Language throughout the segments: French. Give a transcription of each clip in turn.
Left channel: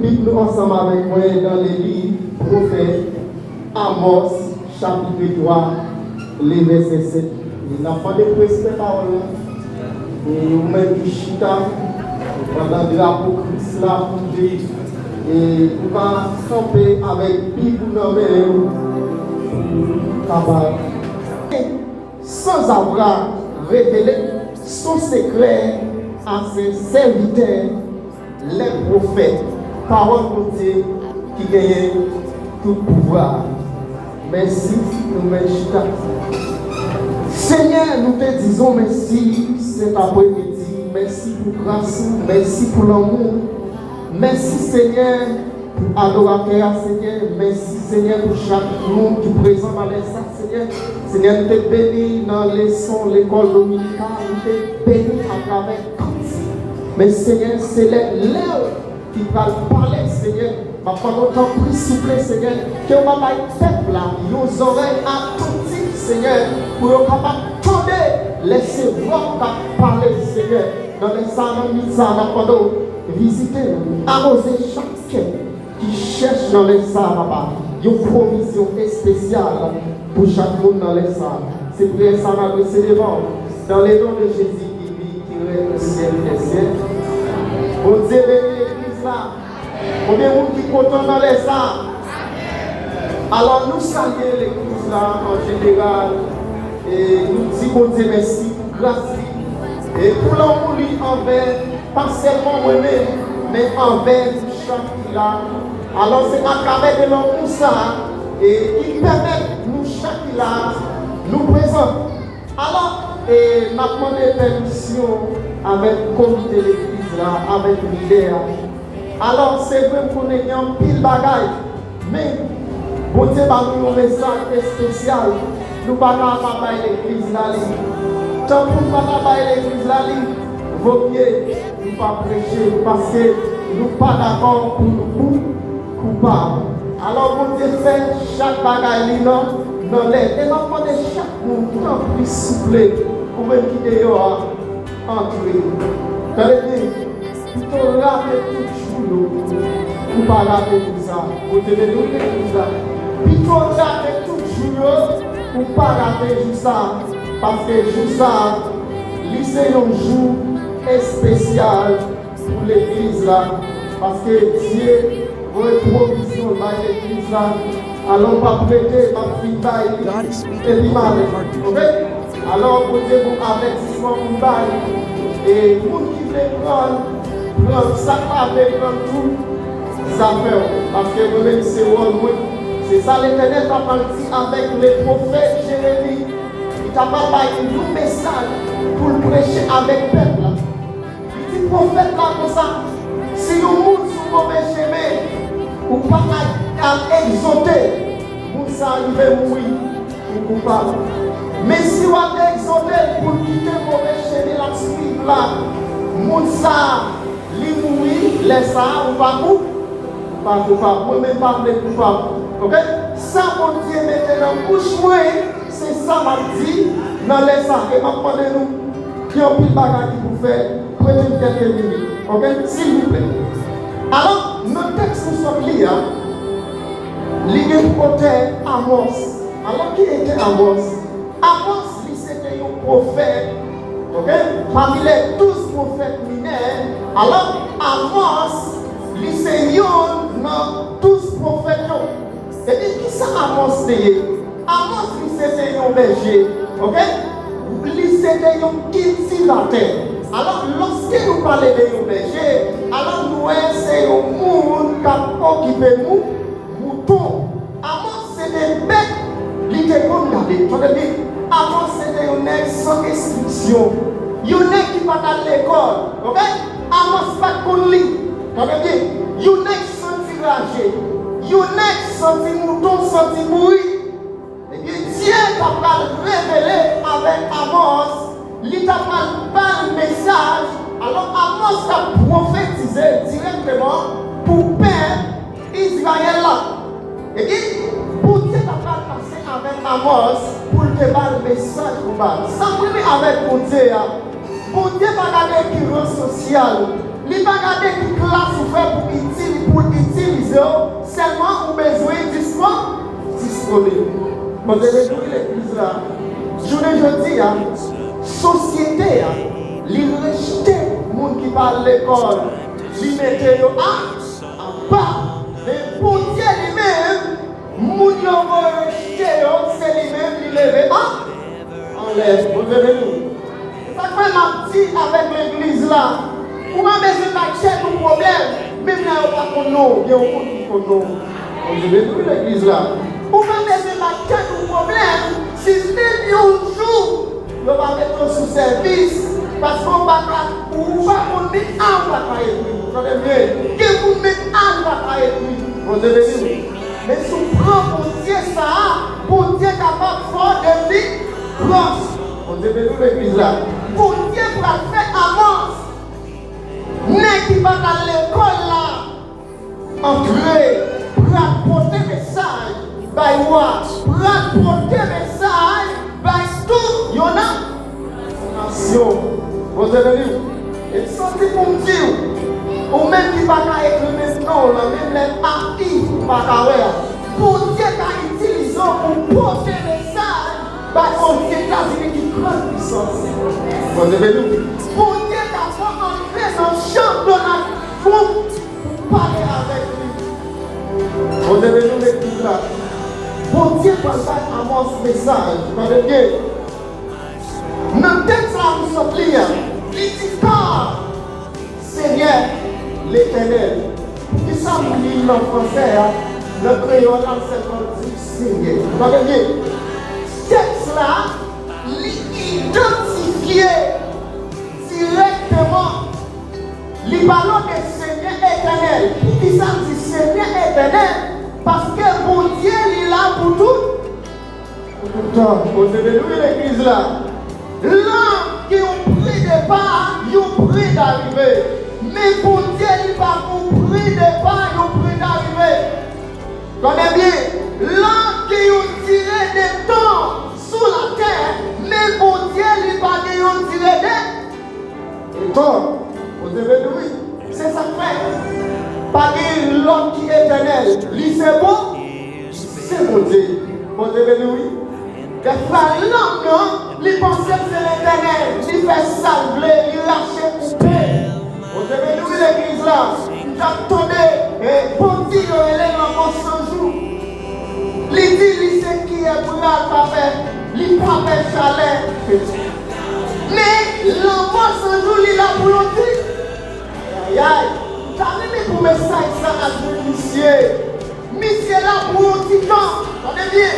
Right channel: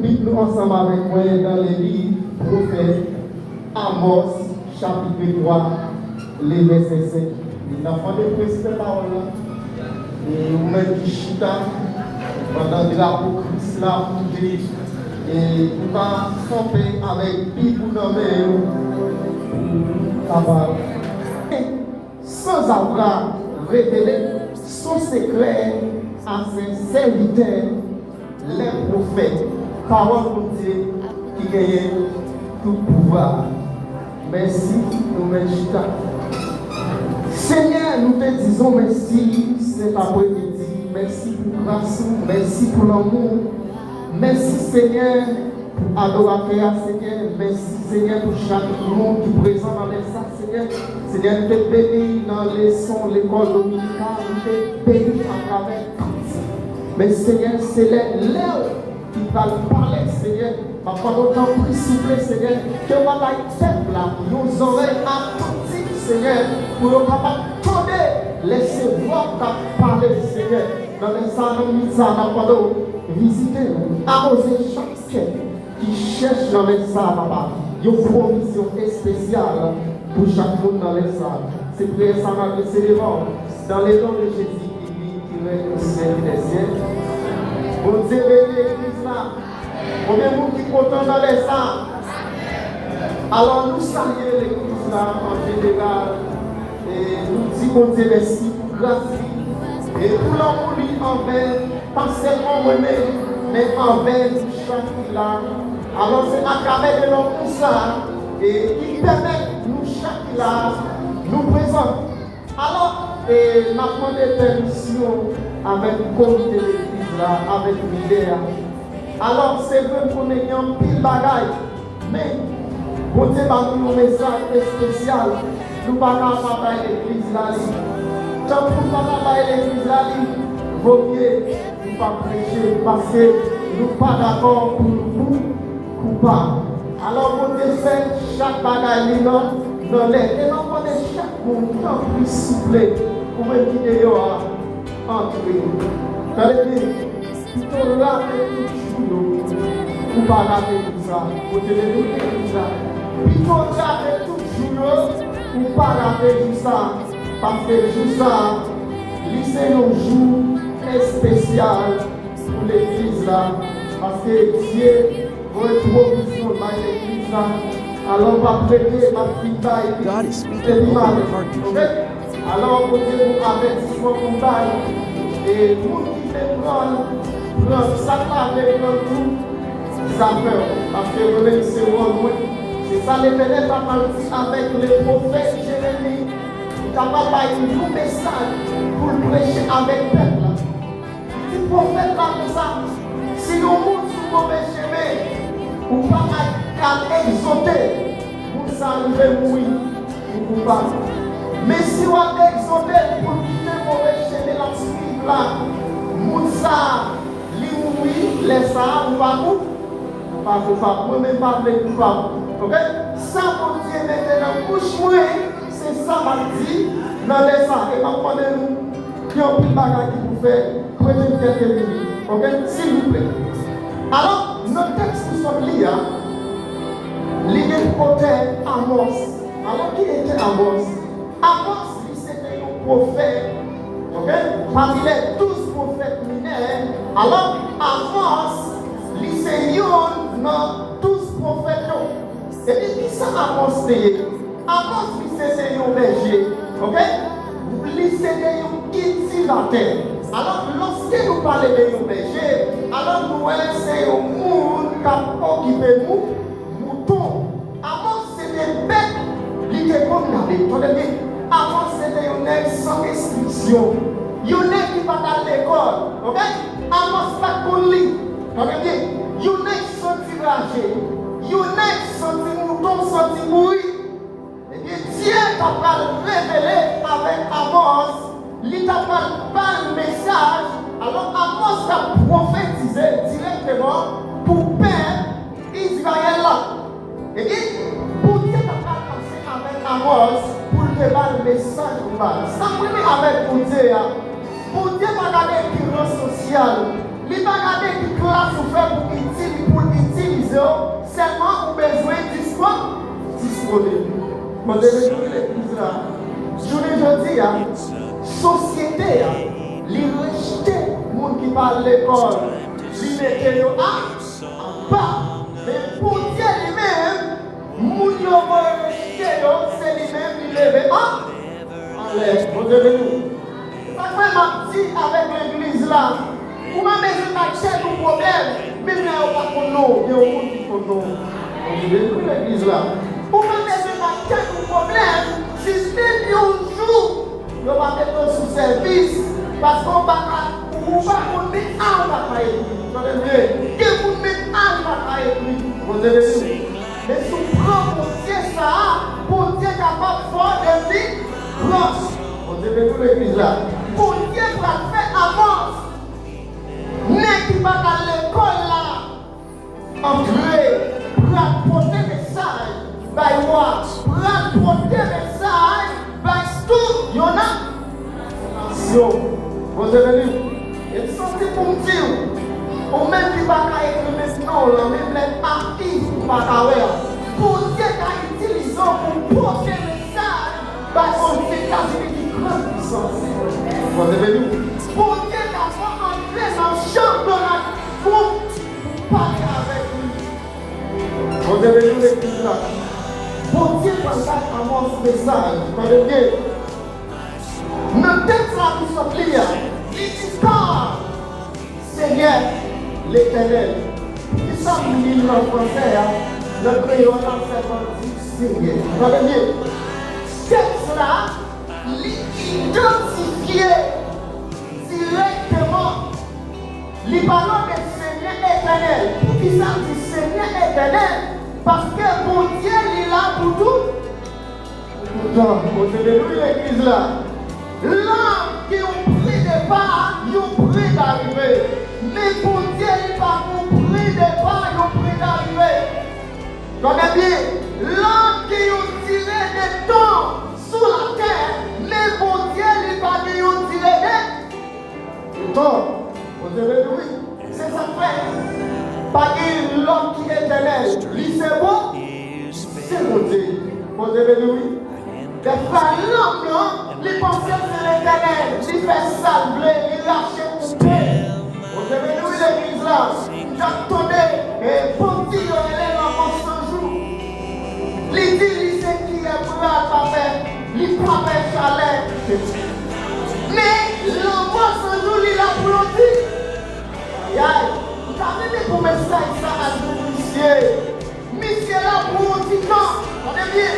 Nous ensemble avec moi dans les livres prophètes Amos chapitre 3 les versets 7. Les enfants de Christ ces paroles et vous mettez du chita pendant le drapeau Christ là pour dire et vous va camper avec Bible dans sans avoir révélé son secret à ses serviteurs, les prophètes, parole de Dieu qui gagne tout pouvoir. Merci, nous merci. Seigneur, nous te disons merci cet après-midi. Merci pour grâce, merci pour l'amour. Merci Seigneur pour adorateur, Seigneur. Merci Seigneur pour chaque monde qui est présent dans les salles, Seigneur. Seigneur, nous te bénis dans les sons, l'école dominicale, nous te bénis à travers tout. Mais Seigneur, c'est l'heure qui va parler, Seigneur. Ma parole va plus souffler, Seigneur. Que moi, ma peuple là, nos oreilles attentives, Seigneur, pour ne pas attendre, laisser voir ta parler, Seigneur. Dans les salles, nous allons visiter, arroser chaque cœur qui cherche dans les salles. Il y a une provision spéciale pour chaque monde dans les salles. C'est prière ça m'a adressé devant. Dans les noms de Jésus qui vit, qui règne au ciel des cieux. Bon Dieu, l'église là. On est monde qui content dans les salles. Alors nous saluons l'église là en général. Et nous disons bon Dieu merci pour grâce. Et pour l'amour envers, pas seulement moi-même, mais envers chaque là. Alors c'est à travers de l'homme pour ça, et qui permet nous chaque là, nous présenter. Alors, et m'a demandé permission avec le comité de l'église là, avec l'idée. Alors c'est vrai qu'on est en pile bagaille, mais bon Dieu va nous un message spécial. Nous ne pouvons pas travailler l'église là. Tant que nous ne pouvons pas travailler l'église là, vaut mieux ne pas prêcher parce que nous ne sommes pas d'accord pour nous. Coupable. Alors, mon Dieu fait chaque bagaille dans l'air. Et l'enfant de chaque monde qui a plus soufflé pour me quitter entre eux. Vous allez dire, plutôt là, tout jour, pour parler avec ça. Vous devez nous dire ça. Plutôt là, tout jour, pour parler avec ça. Parce que tout ça, c'est un jour spécial pour l'église là. Parce que Dieu. God is speaking, open your heart to hear. Alors, vous avez avertissement pour bail. Et pour qui fait prendre, ça avec tout, ça fait. Parce que vous voulez c'est c'est ça l'Éternel a parti avec les prophètes Jérémie. Il t'a pas parlé un message pour le prêcher avec le peuple. Il dit prophète là comme ça. Si nous monte sur mauvais chemin, ou pas à exauter, pour ça arriver à mourir, ou coupable. Mais si on a exauté pour quitter le mauvais chemin, la suivre là, Moussa, li mourir, laisse ça, ou pas vous, pas coupable, moi-même pas de coupable. Ok? Ça, mon Dieu, maintenant, bouche moi, c'est ça m'a dit, dans les ça, et m'a demandé nous, qui ont pris le bagage pour faire, prenez une quelques minutes. Ok? S'il vous plaît. Alors, notre texte nous sommes liés, lié au côté Amos. Alors, qui était Amos? Amos, c'était un prophète, ok? Parmi les 12 prophètes mineurs. Alors, Amos, c'est un dans 12 prophètes. Et puis, qui ça Amos c'était? Amos, c'était un berger, ok? C'était un cultivateur. Alors, lorsque nous parlons de berger, alors nous c'est un monde qui a occupé nous, mouton. Avant, c'était bête, qui était condamné. Avant, c'était un nègre sans restriction. Il y a un nègre qui va à l'école. Ok? Avant, c'est pas qu'on lit. Regardez, il y a un nègre senti ragé. Il y a un nègre senti mouton, senti mourir. Et bien, Dieu t'a révélé avec Amos. Il t'a pas le message, alors Amos a prophétisé directement pour peindre Israël là. Et puis, pour Dieu n'a pas passé avec Amos pour te faire le message pour moi. Ça venait avec mon Dieu. Pour Dieu n'a pas regardé qui rang social, il n'a pas regardé qui classe pour faire pour l'église, seulement on besoin disponible. Bon, je vais trouver l'église là. Je dis, société, les rejetés, les gens qui parlent de l'école, les mettez en bas. Mais pour Dieu lui-même, les gens qui ont rejeté, c'est lui-même qui lève en l'air. Vous devez nous. Ça fait ma petite avec l'église là. Pour moi, je n'ai pas de problème. Mais il n'y a pas de nom. Il y a un monde qui faut nom. Je vais trouver l'église là. Pour moi, je n'ai pas de problème. Si même un jour, on va mettre sous service, parce qu'on va mettre en bataille. Que vous mettez en bataille. Vous devez dire. Mais si on prend pour Dieu ça, pour Dieu capable de faire des vies proches. Vous devez dire l'église là. Pour Dieu va faire avance. N'est qui va dans l'école là, entrer, pour apporter des messages. By what? Rapporter message by tout, y'en a nation. Vous avez vu? Et santé pour dire, ou même qui va être maintenant, même les partis par l'arrière, pour dire qu'à utiliser pour porter message, parce qu'on dit qu'à une grande puissance. Vous avez vu? Pour dire qu'à entrer dans le champ de la pour parler avec lui. Vous avez vu l'église là? Pour Dieu partage avant ce message, regardez. Notre texte là nous sommes clients. Il dit pas, Seigneur, l'Éternel. Ils sont mis en français, le créole dans cette dit Seigneur. Regardez. Texte là, l'identifier directement. Les ballons de Seigneur éternel. Pour qui ça dit Seigneur éternel? Parce que mon Dieu il est là pour tout. Pourtant, vous devez l'église là. Là, qui ont pris de part, ils ont pris d'arriver. Mais pour Dieu, il n'est pas pour pris de part, ils ont pris d'arriver. Regardez bien. Là, qui ont tiré des temps sous la terre, mais pour Dieu, il n'est pas qui ont tiré des. Pourtant, vous devez lui. C'est ça fait. Pas qu'il l'homme qui est éternel. Lui c'est bon. C'est mon Dieu. Vous devez lui. Que l'homme, non, il pense que c'est l'éternel. Il fait salver, il lâche pour paix. Vous devez lui l'église là. J'attendais. Et pour dire qu'il est dans mon jour. Il dit, il sait qui est pour la paix. Il prend des chalets. Mais l'enfant ce jour, il a bloqué. Aïe aïe. T'as pour message ça à ce monsieur. Monsieur là pour un petit temps. Regardez bien.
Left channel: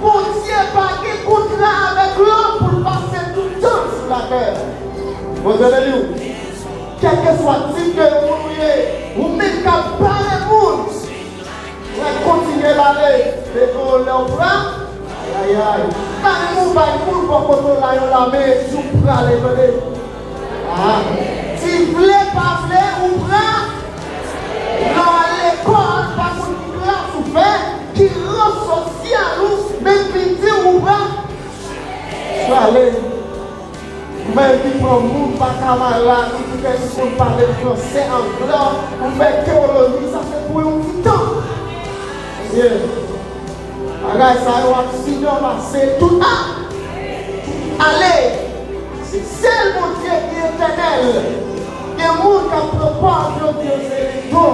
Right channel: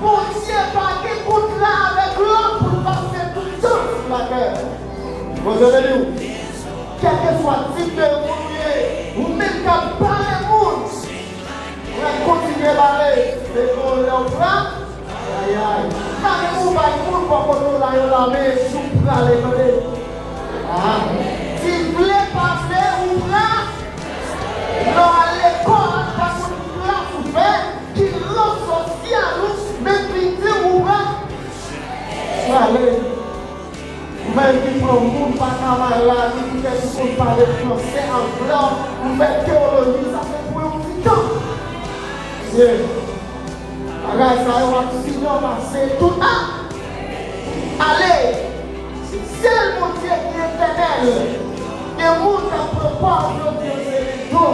Pour Dieu pas qu'il compte là avec l'homme pour passer tout le temps sur la terre. Vous avez vu? Quel que soit le type de monde, ou même quand pas le monde, on va continuer à parler de pour leur bras. Aïe aïe. Pas le monde pour qu'on nous aille la main, tout prend les bébés. Si vous voulez passer ou pas, dans l'école, parce que vous avez souffert, qui rend social, même petit ou pas. Allez, même qui prend le monde, pas camarade, qui fait nous parler français en blanc, ou fait théologie, ça fait pour un petit temps. Dieu. Alors, ça va sinon passer tout le temps. Allez, c'est seul mon Dieu qui est éternel. Et vous qui proposent le Dieu, c'est bon.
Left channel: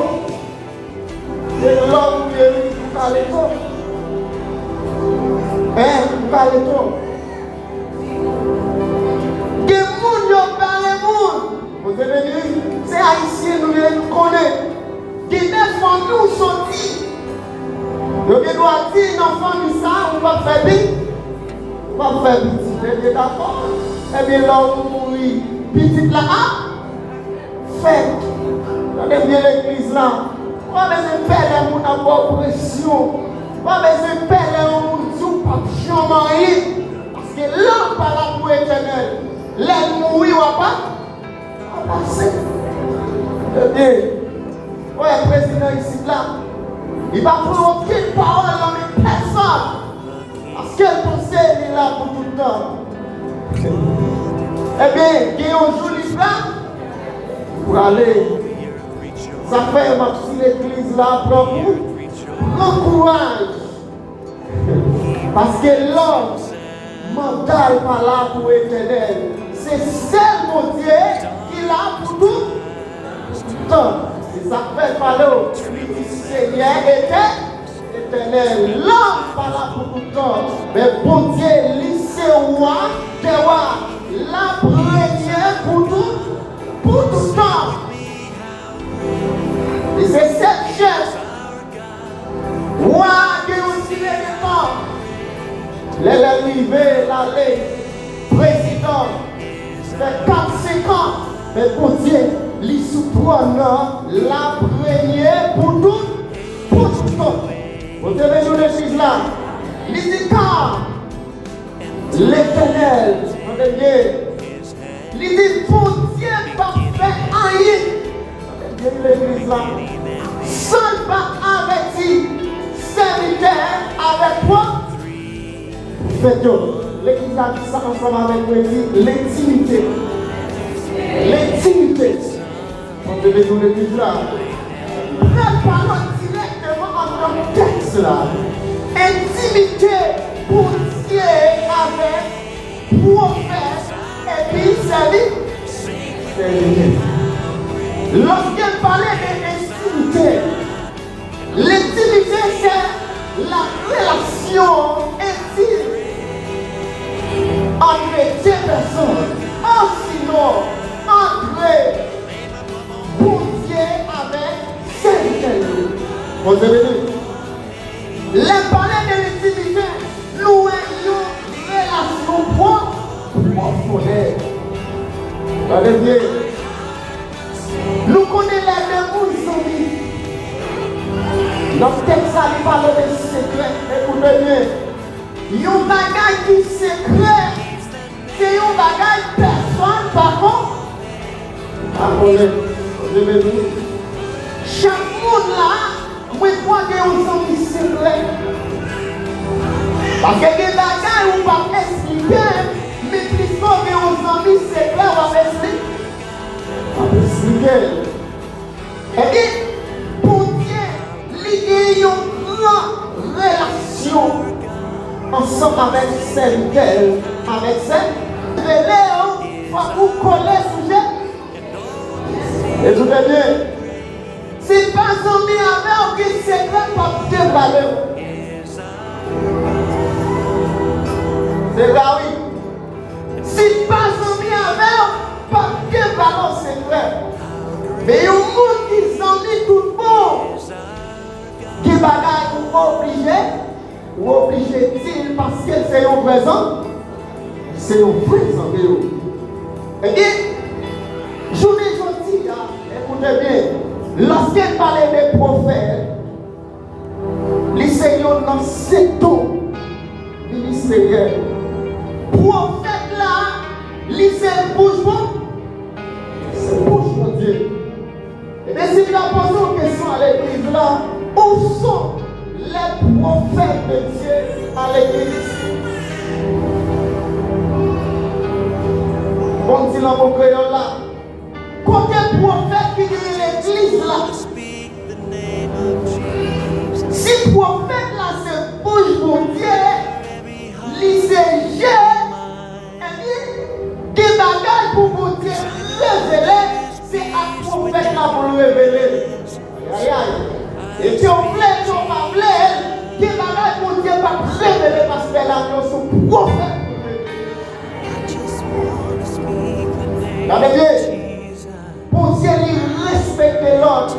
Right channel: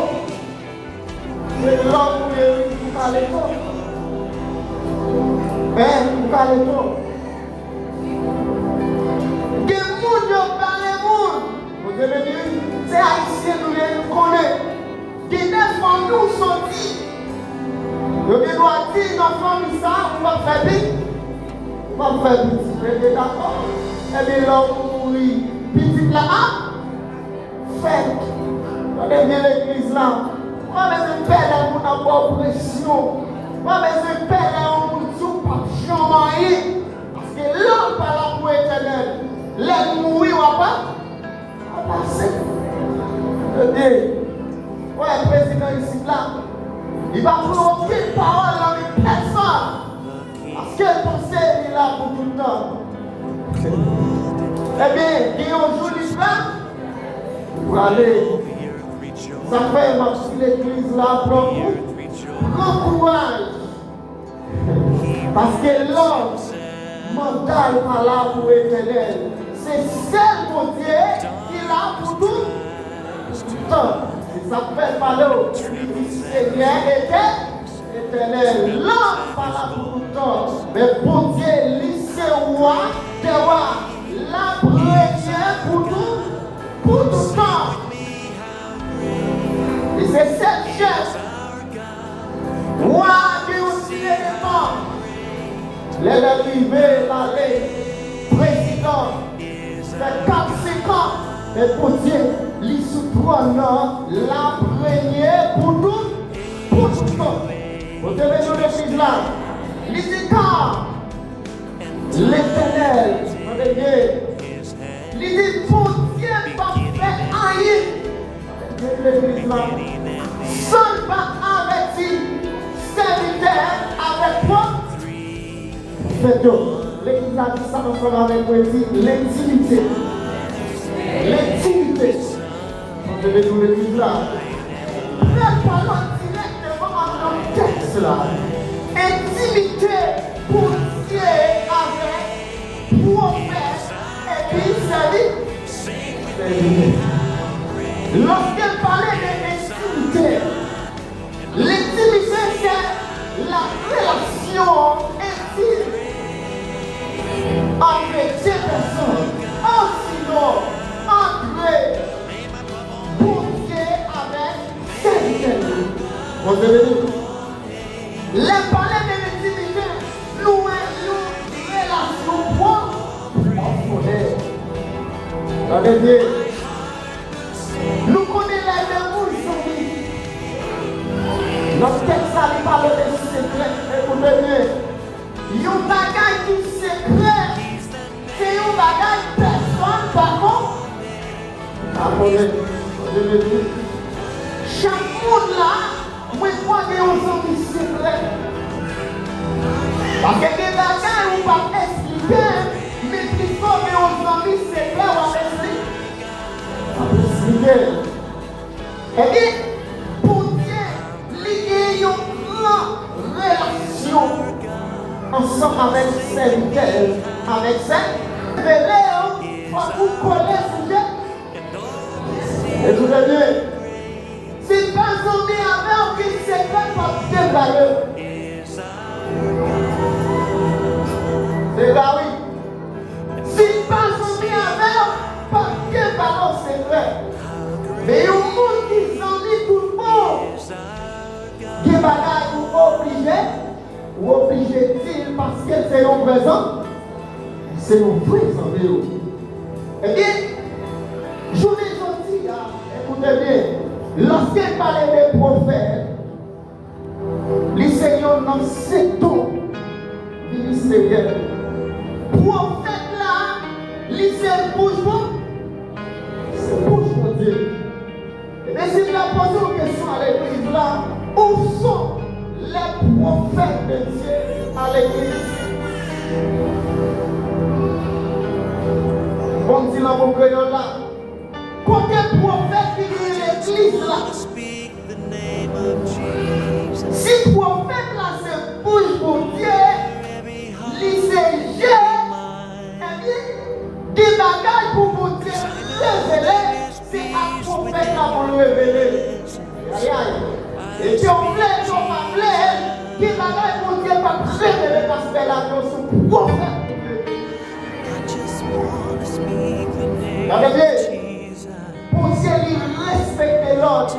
C'est l'homme qui est parlé trop. Vous parlez trop. Que vous ne parlez pas. Vous devez dire, c'est haïtien, nous les connaissons. Qui défend nous sortis. Vous devez dire, l'enfant de ça, on va faire vite. On va faire vite. Vous êtes d'accord? Eh bien, là, on mourit. Petit là, fait. Regardez bien l'église là. On va se faire pour avoir pression. On va se faire pour tout pas changer. Parce que l'homme pas là pour éternel. L'homme mourir ou pas? On va passer. Regardez. Ouais, le président ici là. Il va prendre aucune parole avec personne. Parce que le conseil est là pour tout le temps. Eh bien, il y a un joli plan pour aller. Ça fait ma petite église là, prends courage. Parce que l'homme mental pas là pour éternel. C'est seul mon Dieu qui l'a pour tout temps. C'est ça que fait parler au Seigneur éternel. L'homme pas là pour tout temps. Mais bon Dieu, lycée roi, te roi, la première pour tout temps. Et c'est cette chaise. Roi de aussi les temps. Les arrivées, l'aller, président, les 4-5 ans, mais pour Dieu, les sous-prenants, la première pour tout le monde. Vous devez nous l'église là. Il dit car l'éternel, il dit pour Dieu, pas faire rien. L'église là. Seul pas averti, serviteur avec quoi? Faites l'église a dit ça ensemble avec vous, l'intimité. L'intimité. On devait nous l'église là. Nous parlons directement en notre texte là. Intimité pour Dieu avec prophète et puis serviteur. Lorsqu'elle parlait d'intimité, l'intimité c'est la relation intime entre deux personnes, sinon entre bon Dieu avec serviteur. Les parler de l'intimité, nous ayons une relation profonde. Regardez, nous connaissons la même chose. Notre texte a parlé de secret. Écoutez bien. Il y a un bagage qui est secret. C'est un bagage personne par contre. Chaque monde là, moi je crois qu'il y a un son qui est secret. Parce que les bagages on va expliquer, mais qui sont un son qui est secret, on va expliquer. Et puis, pour Dieu, il y a une grande relation ensemble avec serviteur, avec celle de Léo, pour vous connaître le sujet. Et je vous dis, c'est pas son mis avec qui c'est pas de valeur. C'est là oui. C'est pas son mis avec pas de valeur, c'est vrai. Mais il y a un monde qui s'en dit tout le monde. Qui bagaille ou obligé de dire parce que c'est un présent. C'est un présent. Et bien, je vous dis, écoutez bien, lorsqu'elle parlait des prophètes, les seigneurs dans sept ans, les seigneurs, prophètes là, les seigneurs bourgeois, c'est bourgeois Dieu. Et bien, si la pose une question à l'église là, où sont les prophètes de Dieu à l'église? On dit dans mon créole là, combien de prophètes qui viennent à l'église là? Si prophète là c'est bouge pour Dieu, il c'est Dieu, et puis des bagages pour mon Dieu, révéler, c'est à prophète là pour le révéler. Aïe aïe. Et puis on plaît, on va plaire, des bagages pour Dieu pas révéler parce que là nous sommes prophètes. Pour Dieu, il respecte l'autre.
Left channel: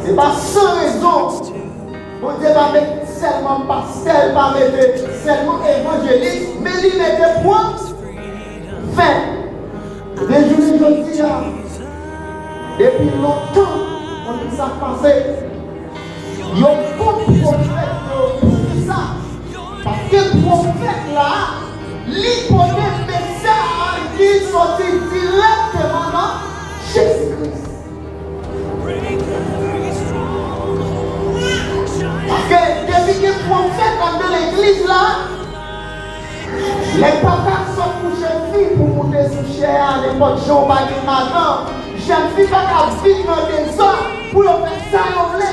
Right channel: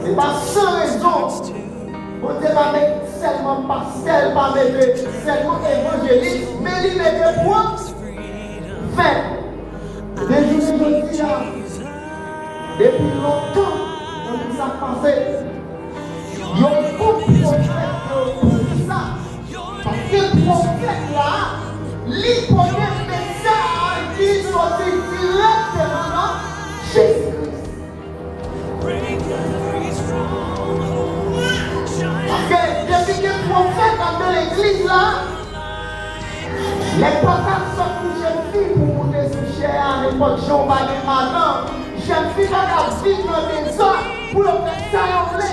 Ce n'est pas sans raison. Pour Dieu, va mettre seulement pastel, pas mettre seulement évangéliste, mais il met des points. Fin. Depuis longtemps, on nous a passé. Il y a beaucoup de prophètes pour ça. Parce que le prophète là, l'hypothèse de ça, qui sortit directement Jésus-Christ. Parce que depuis que le prophète a dans l'église là, les papas sont pour jeunes filles pour monter sous chair à l'époque Jean-Marie Manon. Jeunes filles qui ont vite dans des ans pour le faire ça en l'air.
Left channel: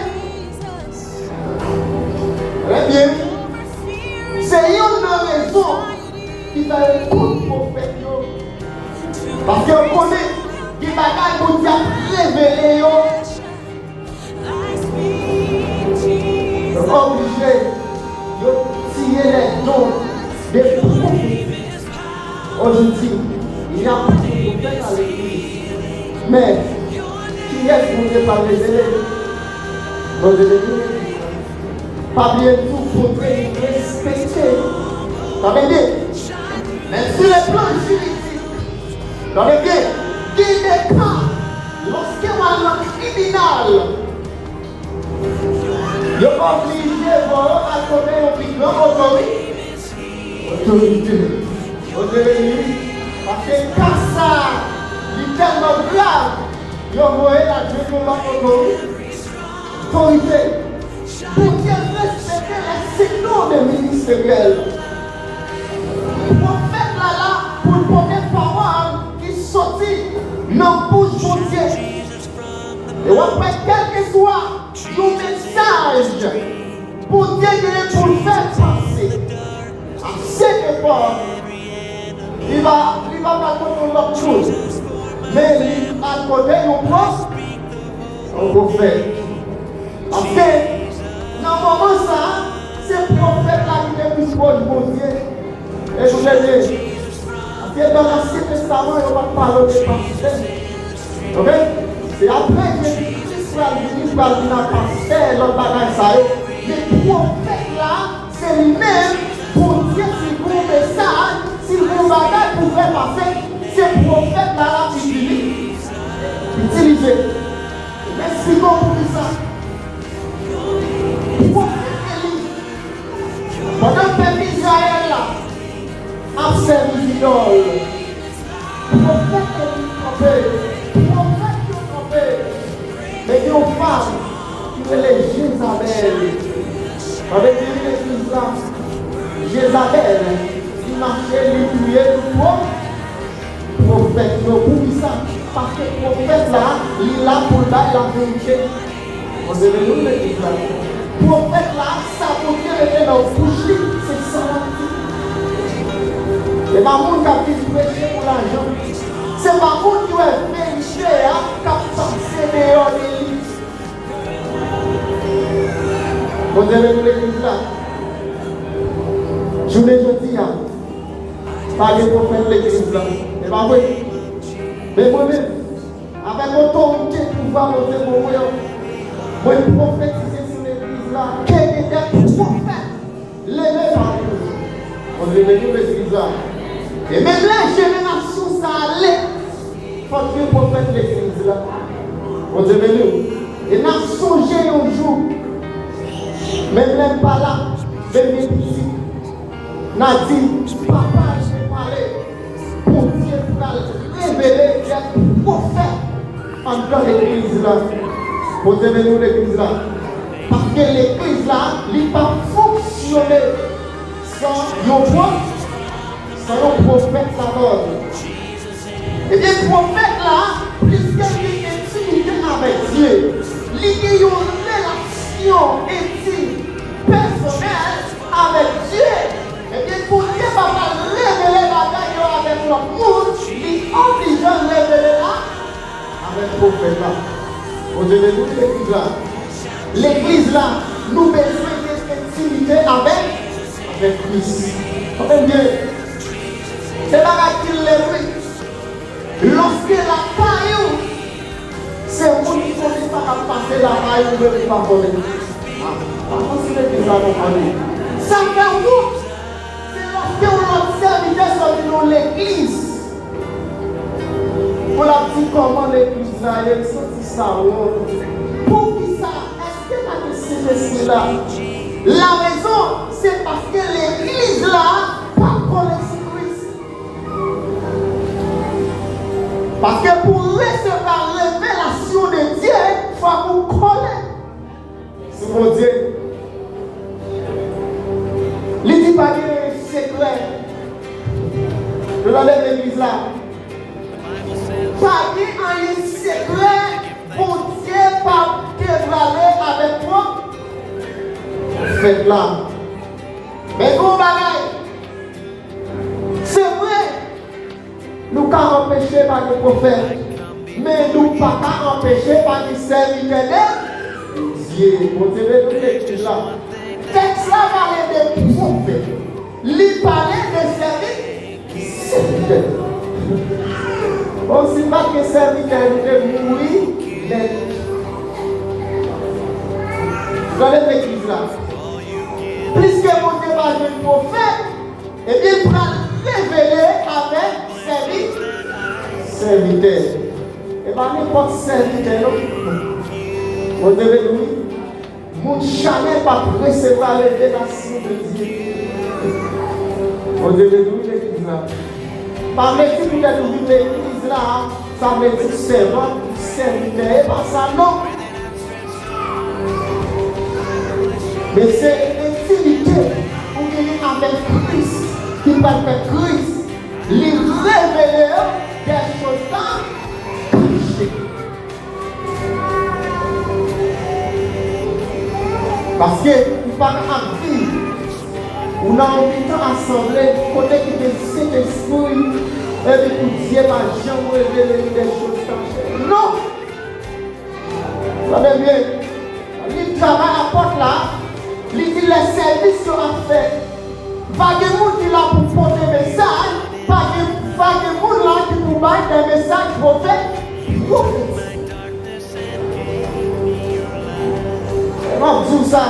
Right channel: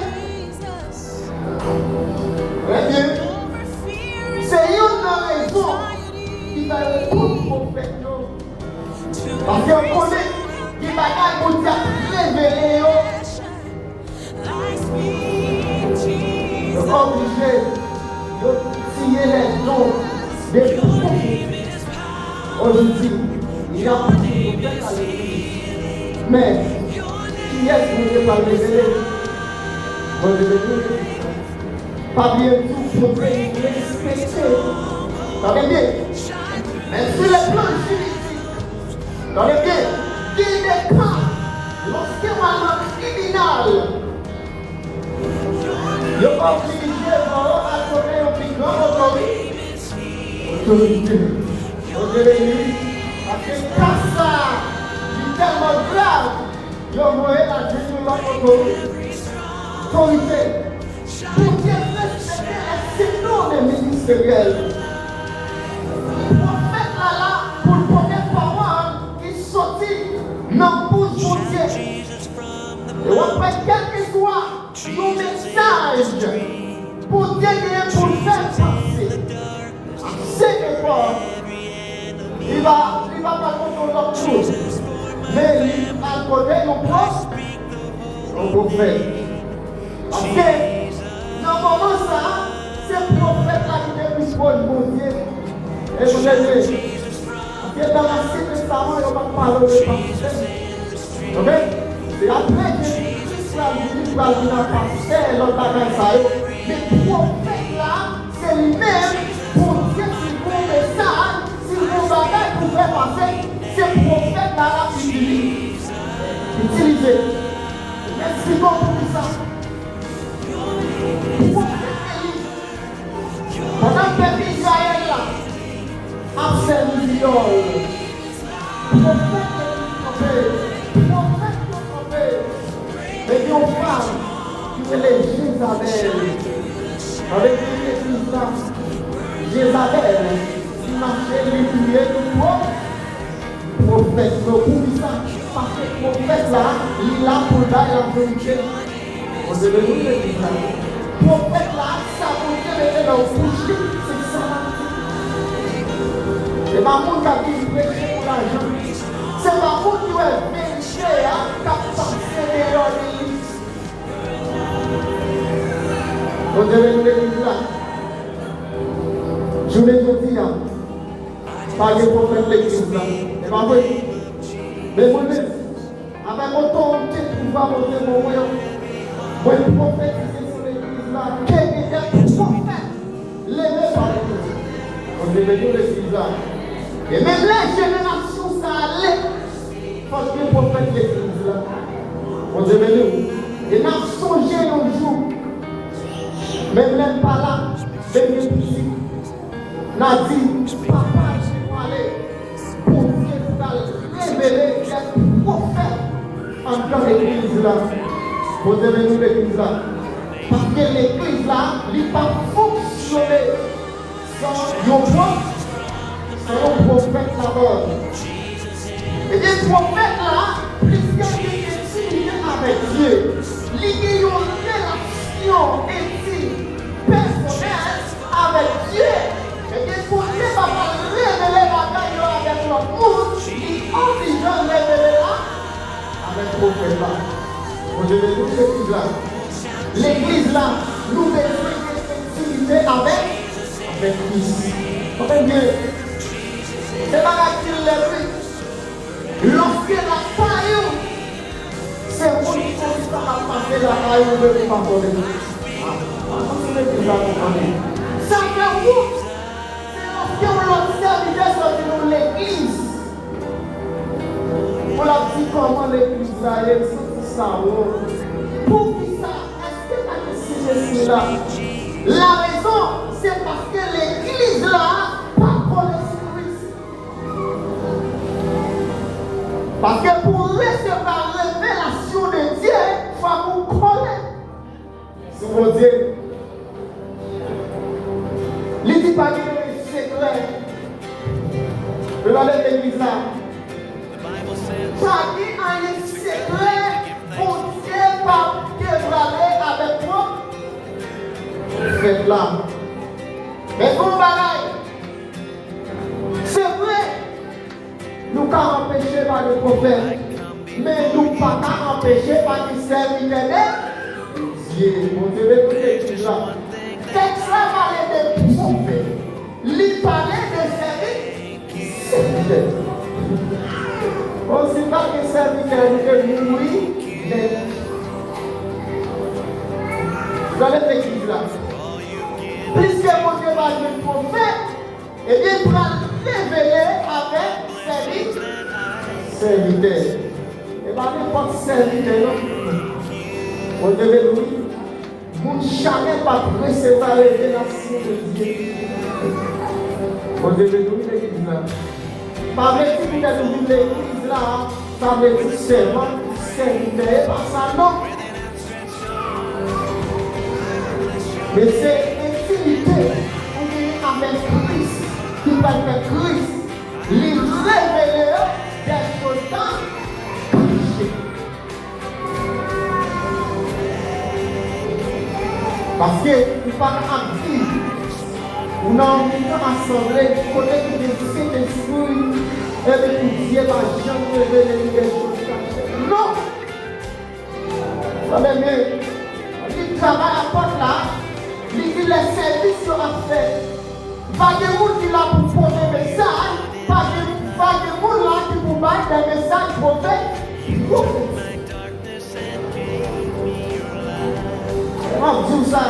Bon Dieu béni. Pas bien tout pour respecter. Ça veut dire, mais sur le plan juridique, ça veut dire qu'il n'est pas lorsque un criminel le obligé à accorder un plus grand autorité. Parce que quand ça, il est tellement grave, il envoie la génération autorité. Pour qu'il respecte un signal de ministériel. Prophète là, pour le première parole qui sortit, non pour Dieu. Et on fait quel que soit le message pour Dieu pour faire passer. C'est quoi? Il va pas comprendre l'autre chose. Mais il a accordé mon propre au prophète. Parce que dans le moment ça, c'est le prophète là qui est plus proche de mon Dieu. Et vous voyez, parce que dans l'Ancien Testament, il va parler de pasteur. Ok? Et après, Jésus va venir à pasteur, l'autre bagage ça. Mais le prophète là, c'est lui-même pour dire si vous faites ça, si vous bagage pour faire passer, c'est le prophète là qui utilise. Merci beaucoup pour ça. Pendant que le peuple Israël a servi Dieu, prophète qui trompé, mais il y a une femme qui est Jézabel, qui marchait les prières du prophète, pour ça, parce que le prophète là, il a pour la vérité. On se le prophète là, ça peut être dans le bouche, c'est ça. C'est pas mon qui a prêché pour l'argent. C'est pas mon qui a vérifié à passer dehors. On devait l'église là. Je voulais te dire, pas de prophète l'église là. C'est pas vrai. Mais moi, avec autorité, pouvoir monter mon royaume. Moi, prophétiser sur l'église là, quel est le prophète? L'évêque par l'église. On devait l'église là. Et même la génération, ça allait. Faut que le prophète l'église là. On devait nous. Et n'a songé un jour. Même n'aime pas là. Même les petits. N'a dit, papa, je vais parler. Pour Dieu, pour révéler les prophètes en dans l'église là. Vous devez nous l'église là. Parce que l'église là, il n'a pas fonctionné sans nos voix, sans nos prophètes parole. Et les prophètes là, puisqu'il y a une intimité avec Dieu, il y a une relation intime, personnelle avec Dieu. Et bien pour Dieu va révéler la bagaille avec notre monde, il oblige à révéler là avec le prophète là. On devait nous l'église là. L'église là, nous devons une intimité avec Christ. Comment dire? C'est pas qu'il l'est. Lorsque la paille, c'est un monde qui ne pas à passer la paille de l'église. Ça fait où? C'est lorsque on observe sur l'église. On a dit comment l'église là est. Pour qui ça? Est-ce que c'est là? La raison, c'est parce que l'église là, pas connaître Christ. Parce que pour recevoir la révélation de Dieu, il faut qu'on connaisse. C'est mon Dieu. Il dit pas que c'est clair. Vous allez l'église là. Chacun a un secret pour Dieu par québranler avec moi. Faites là. Mais bon bagaille. C'est vrai. Nous ne pouvons pas empêcher par le prophète. Mais nous ne pouvons pas empêcher par le serviteur de Dieu. Vous devez écouter ça. Texte là parlait de prophète. Il parlait de serviteur. Aussi mal que serviteur de mourir, Regardez l'église là. Puisque mon Dieu va dire prophète, et bien il va révéler avec serviteur. Et pas n'importe serviteur. On devait nous, vous jamais pas recevoir la révélation de Dieu. On devait nous l'église là. Pas vrai que vous êtes dans l'église là, ça veut dire servant, serviteur, pas ça non. Mais c'est l'intimité pour venir avec Christ, qui permet Christ, les révéler des choses cachées. Parce que nous parlons de vie, on a envie d'assemblée, il faut que les Saint-Esprit et que Dieu va jamais révéler des choses cachées. Non! Vous allez bien, il travaille à la porte là. Les services sont faits. Pas de monde qui là pour poser des messages. Pas de monde là qui pour battre des messages prophètes. On dit ça.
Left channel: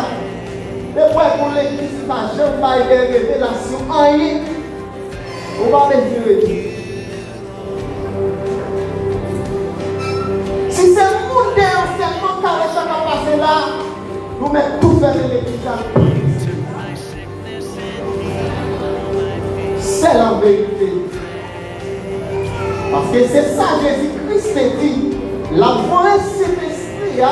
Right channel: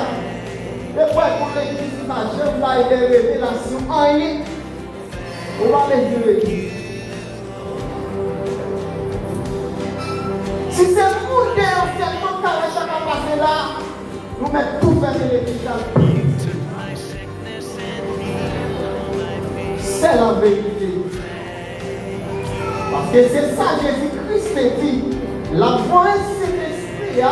Et pour l'église, je ne vais pas y révélation. Rien. On va les dire. Si c'est le monde qui est en certain carré, ça va passer là. Nous mettons tout faire de l'église. C'est la vérité. Parce que c'est ça que Jésus-Christ dit. La voix Saint-Esprit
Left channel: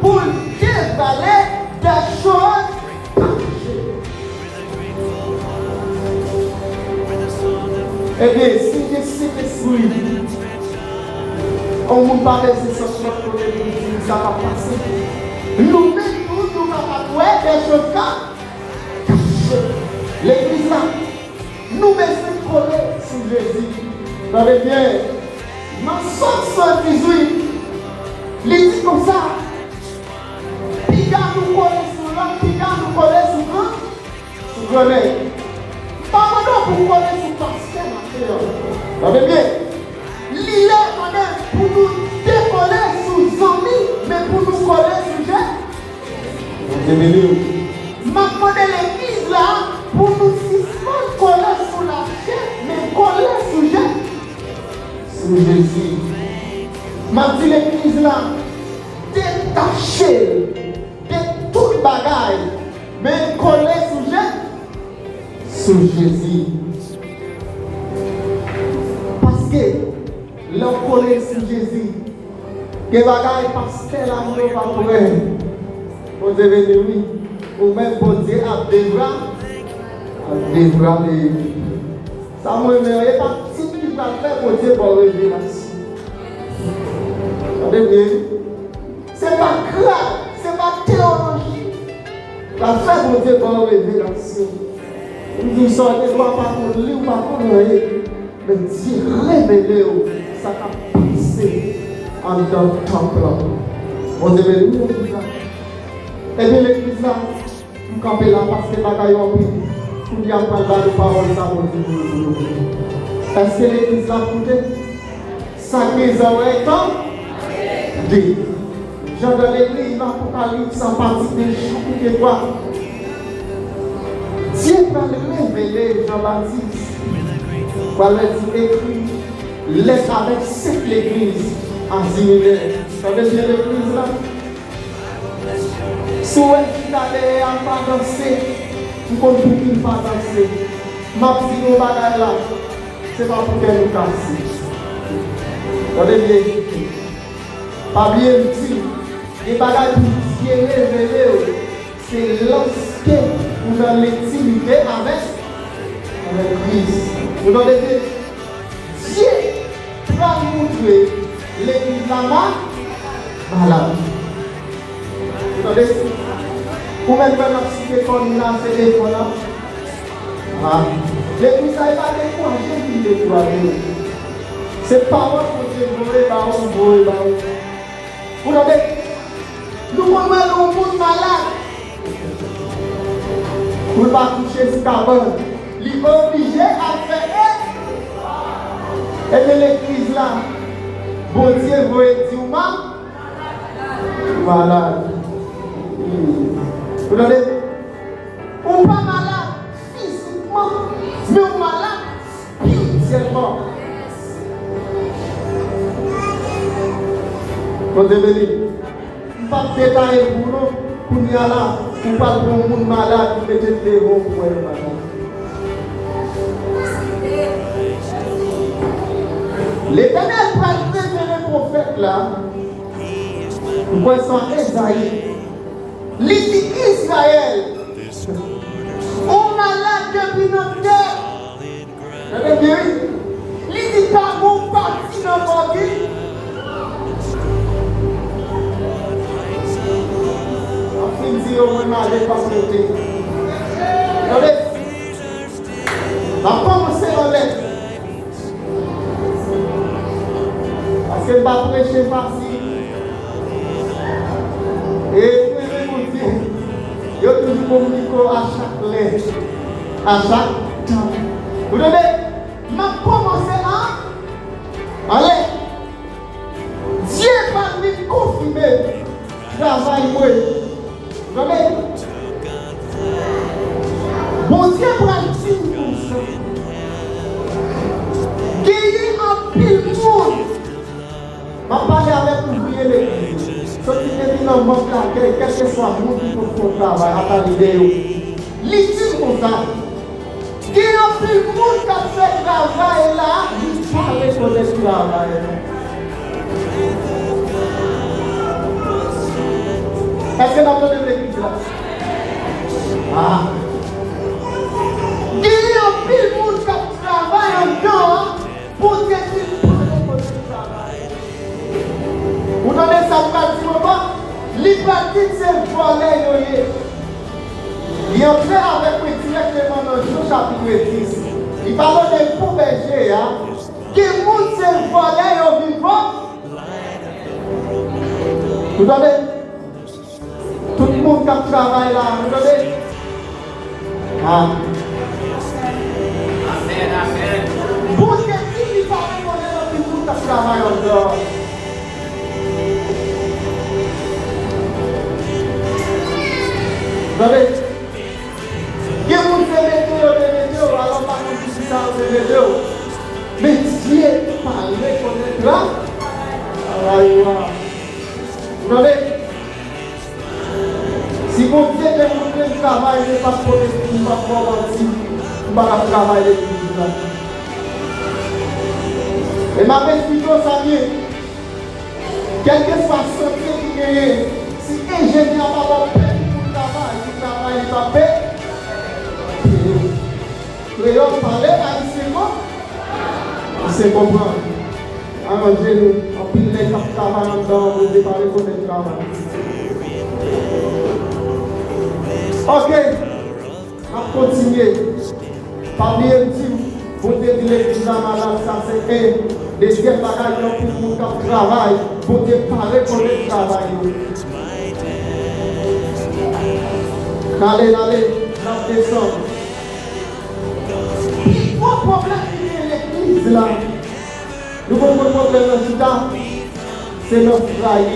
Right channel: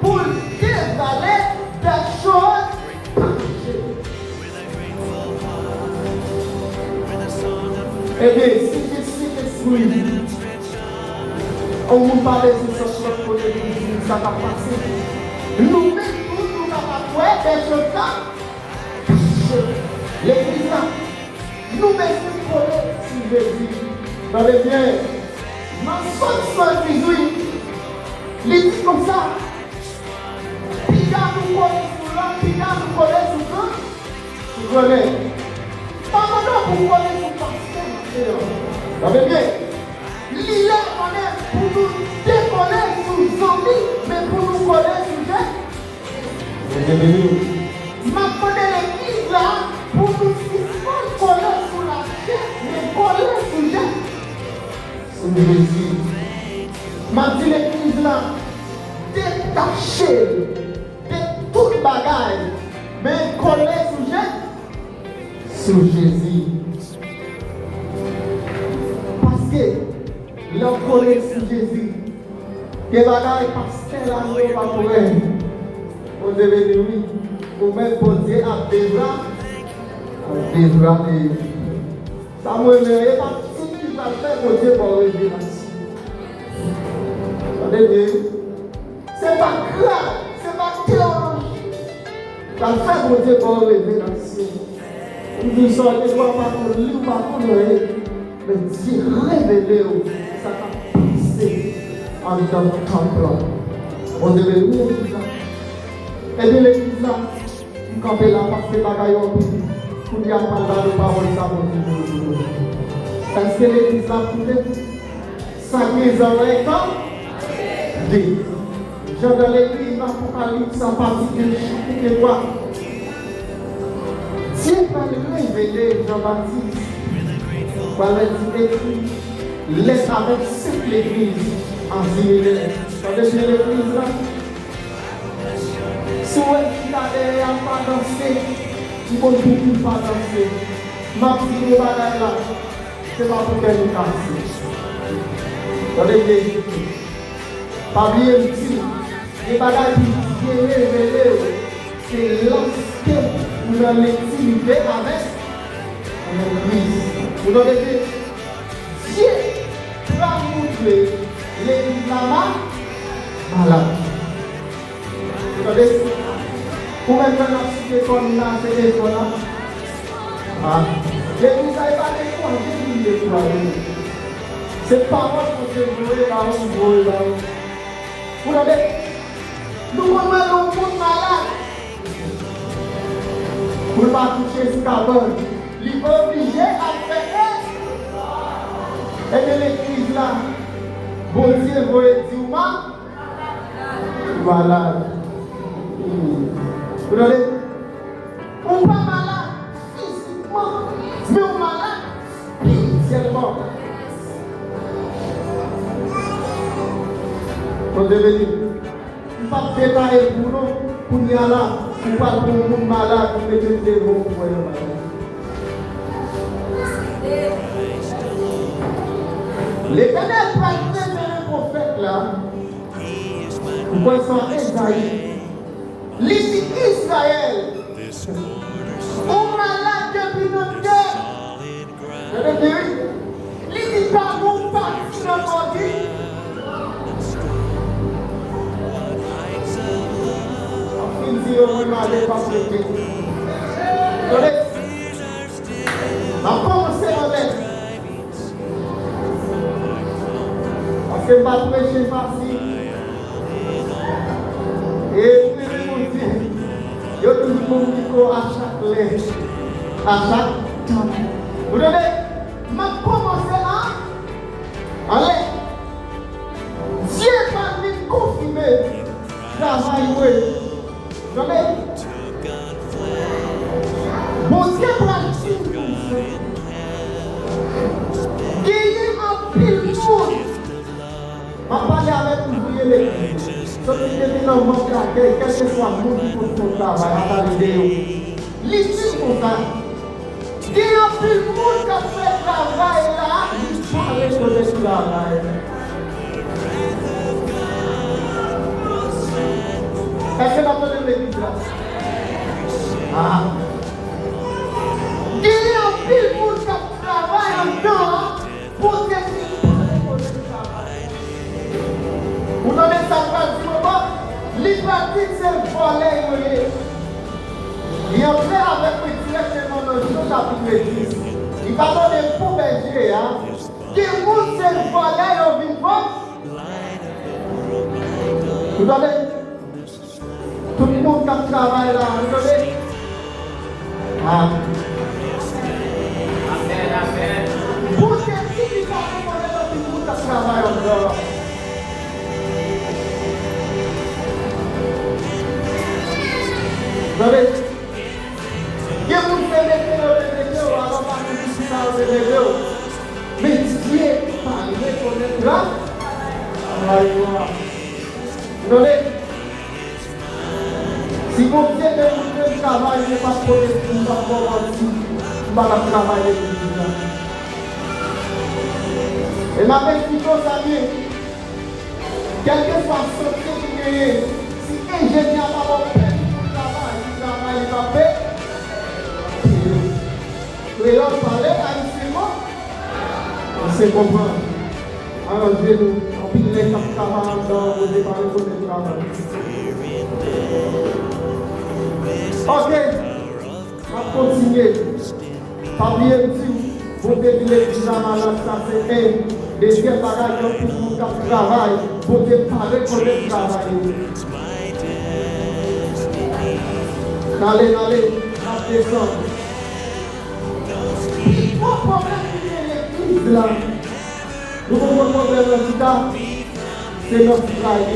pour dévaler des choses cachées. Eh bien, si Jésus Saint-Esprit, on vous parle de ce soir pour l'église, ça va passer. Nous-mêmes, ouais, des choses cachées. L'église là, nous mettons collés sur Jésus. Vous allez bien. Dans Somme 118, il dit comme ça. Qui garde nous coller sur l'un, qui garde nous coller sur l'un. Vous connaissez. Pas maintenant pour coller sur le pasteur. Vous allez bien. L'île en est pour nous décoller sur Zami, mais pour nous coller sur Jésus. Ma connaît l'église là pour nous coller sur la chair, mais coller sur Jésus. Sur Jésus. Ma dit l'église là, détachée de toute bagaille, mais coller sur Jésus. Sur Jésus. Parce que l'on coller sur Jésus, que bagaille pasteur là, nous va trouver. Vous devez dire oui, ou même pour dire à des bras de ça me met pas si tu vas faire pour Dieu pour révélation. C'est pas grave, c'est pas théologie. La faire pour Dieu pour révélation. Nous sommes des fois pas pour lui, pas pour nous. Le Dieu révélé, ça va passer en dans le temple. Vous devez nous dire ça. Et bien l'église là, nous campons là parce que bagaille en plus, pour y avoir de parole ça nous. Est-ce que l'église là coupée? Ça qu'ils ont un temps? Oui. J'avais l'église dans l'Apocalypse en particulier, chapitre 3. Dieu va révéler Jean-Baptiste. Voilà dit écrit, laisse avec cette église en Zimmer. Vous savez ce l'église là? Si vous êtes allé à pas danser, vous ne pouvez pas danser. Ma petite bagaille là, c'est pas pour qu'elle nous casse. Regardez, pas bien dit, les bagailles qui viennent révéler, c'est lorsque nous avons l'intimité avec l'Église. Vous regardez, Dieu va montrer l'Église là-bas, malade. Vous même maintenant, si les femmes là, c'est des fois là. Et vous savez pas les fois, j'ai dit les fois. C'est pas moi qui vais jouer dans mon boule là. Vous savez, nous sommes un monde malade. Vous ne pas toucher ce cabane. Il est obligé à faire. Et de l'église là, bon Dieu, vous êtes du mal. Voilà. Vous voyez? On pas malade physiquement, mais on malade spirituellement. Quand je dis, on ne pas préparer pour nous, pour nous là, on ne pas pour un monde malade, pour mettre des bons pour les malades. L'Éternel va préparer le prophète là, pour son Esaïe. L'Église Israël, on malade depuis notre terre. L'Église pas bon parti dans mon vie. On va malade parce que on va commencer avec. Parce que va prêcher facile. Et je te dis à chaque lettre, à chaque temps. Vous devez commencer à aller. Dieu va nous confirmer travail. Vous devez. Bon Dieu va nous gagner un pile monde. Je vais parler avec vous. Quel que soit le monde pour son travail, à ta vidéo. L'issue pour ça. Qui a plus de monde qui a fait le travail là, il faut aller sur le travail. Est-ce que vous entendez l'église là? Ah. Qui a plus de monde qui a travaillé en temps pour que tu vous n'avez ça pas du moment. L'hypocrite c'est volé. Il entre avec le directement dans le chapitre 10. Il parle des faux bergers. Qui monde c'est volé au vivant. Vous avez tout le monde qui travaille là. Vous avez pour que qui va voler au vivant qui travaille encore. Vous savez, il y a beaucoup de météo, alors pas de distance de météo. Mais Dieu parle comme là. Vous savez, si vous Dieu demande le travail, il n'est pas pour les filles, pas pour le travail de l'Église. Et ma belle fille, ça vient. Quelle que soit ce que vous gagnez, si ingénieur n'a pas et là, on parlait haïtiennement, on sait comprendre. Alors, Dieu nous, on peut les faire travailler dans le département de travail. Ok, on va continuer. Parmi les petits, vous devez dire que ça, c'est un des quels bagages pour vous qui travaillent, vous devez parler pour le travail. Allez, descendre. Mon problème est l'église là. Nous avons un problème c'est notre frère.